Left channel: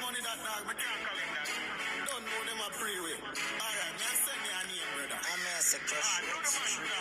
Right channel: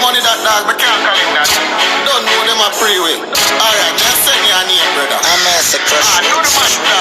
Money that dog, but can't call him that. Don't know them a freeway. Alright, just send me a name, brother. I'm a crush. Do the man.